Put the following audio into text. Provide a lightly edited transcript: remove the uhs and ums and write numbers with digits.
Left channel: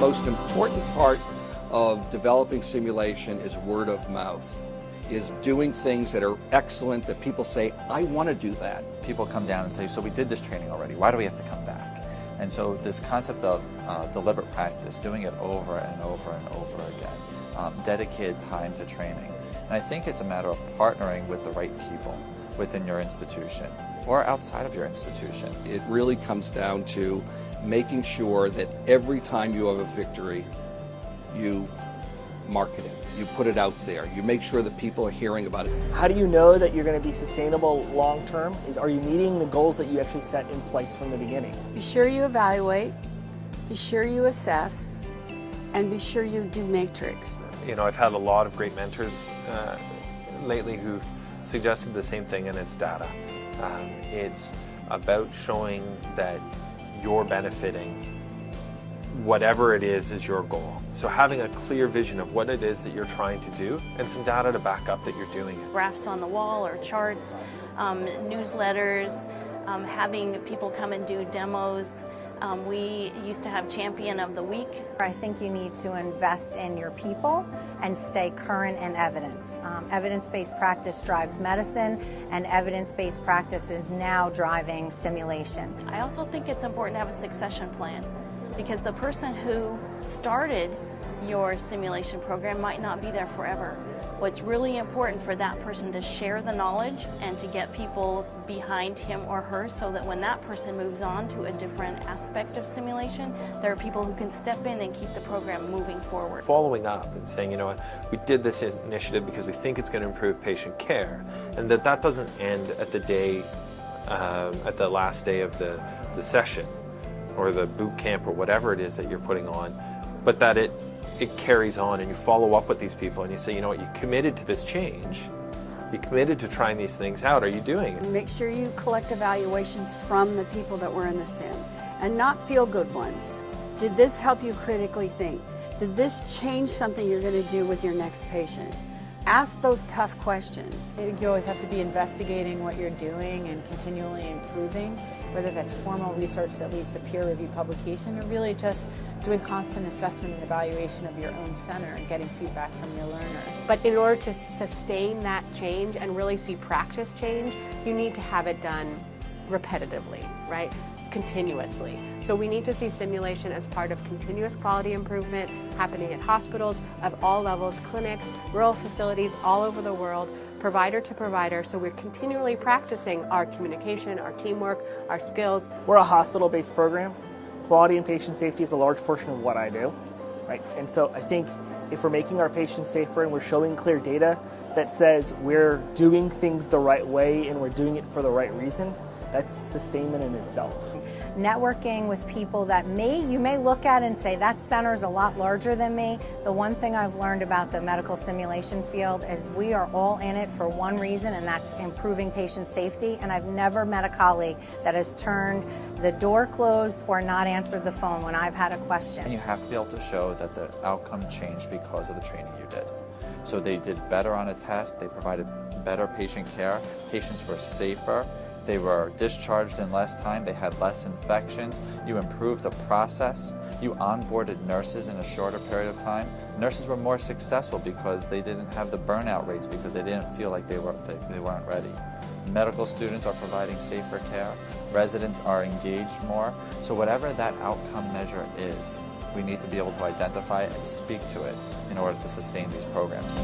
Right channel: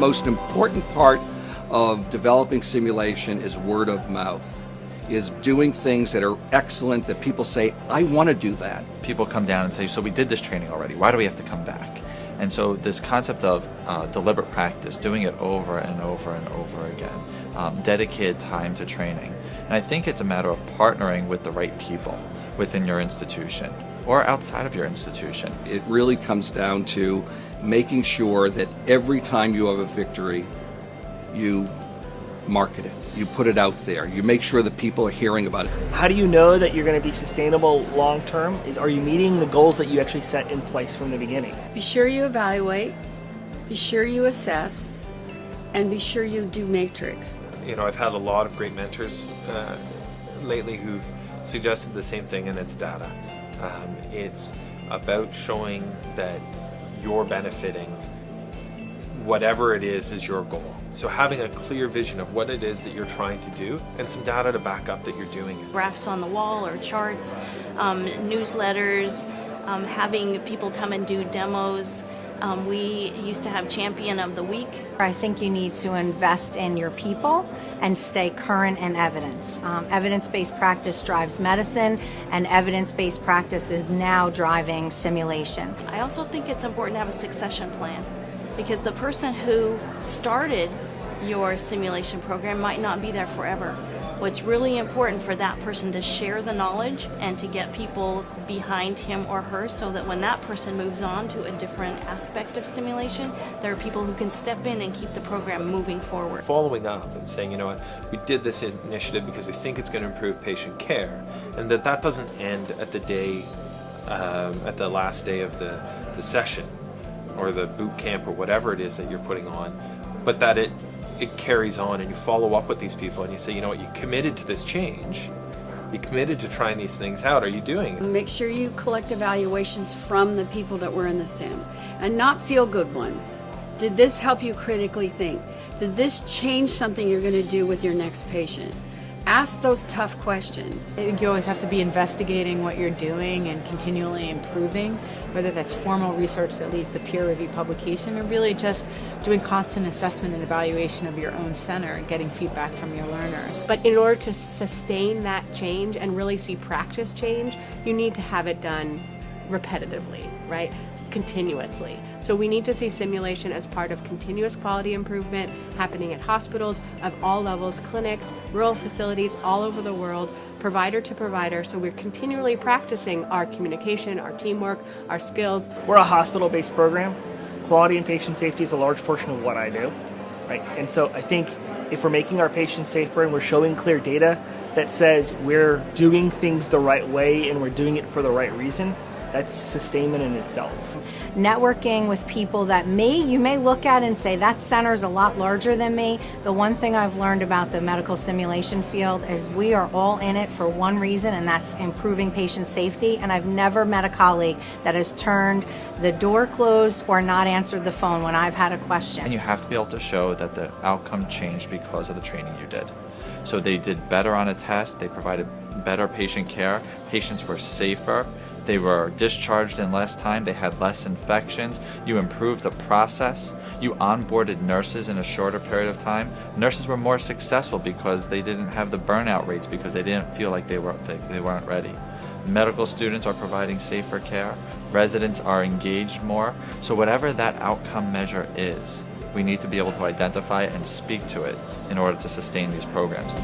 most important part of developing simulation is word of mouth, is doing things that are excellent, that people say, I want to do that. People come down and say, so we did this training already, why do we have to come back? And so this concept of deliberate practice, doing it over and over and over again, dedicated time to training. And I think it's a matter of partnering with the right people within your institution or outside of your institution. It really comes down to making sure that every time you have a victory, you market it, you put it out there, you make sure that people are hearing about it. How do you know that you're going to be sustainable long term? Are you meeting the goals that you actually set in place from the beginning? Be sure you evaluate, be sure you assess, and be sure you do matrix. You know, I've had a lot of great mentors lately who've suggested the same thing, and it's data. It's about showing that you're benefiting whatever it is your goal. So having a clear vision of what it is that you're trying to do and some data to back up that you're doing it. Graphs on the wall or charts, newsletters, having people come and do demos. We used to have Champion of the Week. I think you need to invest in your people and stay current in evidence. Evidence-based practice drives medicine, and evidence-based practice is now driving simulation. I also think it's important to have a succession plan, because the person who started your simulation program might not be there forever. What's really important for that person to share the knowledge and to get people behind him or her so that when that person moves on to a different aspect of simulation, there are people who can step in and keep the program moving forward. Following up and saying, you know what, we did this initiative because we think it's going to improve patient care, and that doesn't end at the day, at the last day of the session or the boot camp or whatever it is that you're putting on, but that it carries on, and you follow up with these people and you say, you know what, you committed to this change, you committed to trying these things out, are you doing it? Make sure you collect evaluations from the people that were in the sim, and not feel-good ones. Did this help you critically think? Did this change something you're going to do with your next patient? Ask those tough questions. I think you always have to be investigating what you're doing and continually improving, whether that's formal research that leads to peer-reviewed publication or really just doing constant assessment and evaluation of your own center and getting feedback from your learners. But in order to sustain that change and really see practice change, you need to have it done repetitively, right? Continuously. So we need to see simulation as part of continuous quality improvement happening at hospitals of all levels, clinics, rural facilities all over the world, provider to provider. So we're continually practicing our communication, our teamwork, our skills. We're a hospital-based program. Quality and patient safety is a large portion of what I do, right? And so I think if we're making our patients safer and we're showing clear data that says we're doing things the right way and we're doing it for the right reason, that's sustainment in itself. Networking with people that you may look at and say, that center's a lot larger than me. The one thing I've learned about the medical simulation field is we are all in it for one reason, and that's improving patient safety. And I've never met a colleague that has turned the door closed or not answered the phone when I've had a question. And you have to be able to show that the outcome changed because of the training you did. So they did better on a test, they provided better patient care, patients were safer, they were discharged in less time, they had less infections, you improved the process, you onboarded nurses in a shorter period of time. Nurses were more successful because they didn't have the burnout rates because they didn't feel like they weren't ready. Medical students are providing safer care, residents are engaged more, so whatever that outcome measure is, we need to be able to identify and speak to it in order to sustain these programs.